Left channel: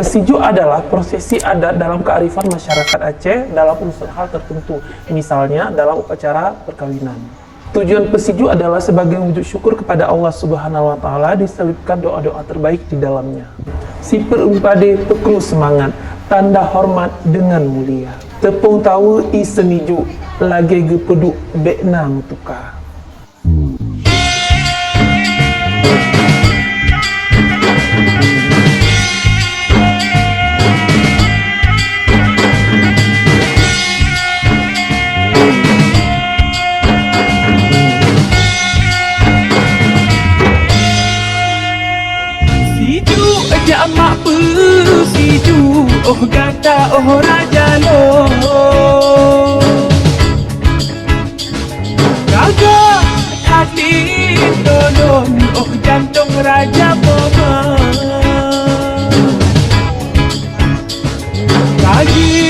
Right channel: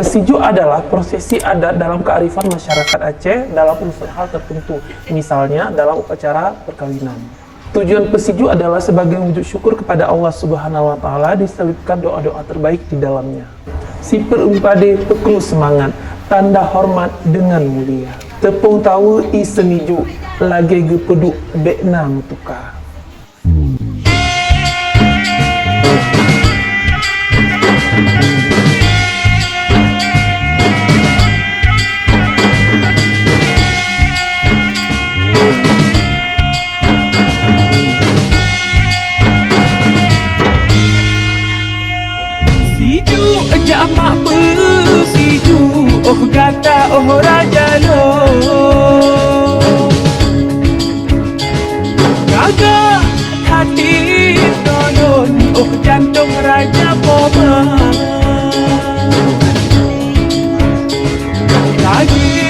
Pesiju adalah prosesi adat dalam kearifan masyarakat Aceh dalam unsur hal tertentu, misalnya dalam upacara perkawinan. Tujuan pesiju adalah sebagai wujud syukur kepada Allah Subhanahu wa Ta'ala, diselipkan doa-doa terbaik di dalamnya. Si perumpade peklu semangat, tanda hormat dengan mulia. Tepung tahu i semiju, lagi gepeduk bekna mutuka. Siju jamak siju, oh kata oh raja lo. Agak hati nonon, oh jantung raja koma. Lagi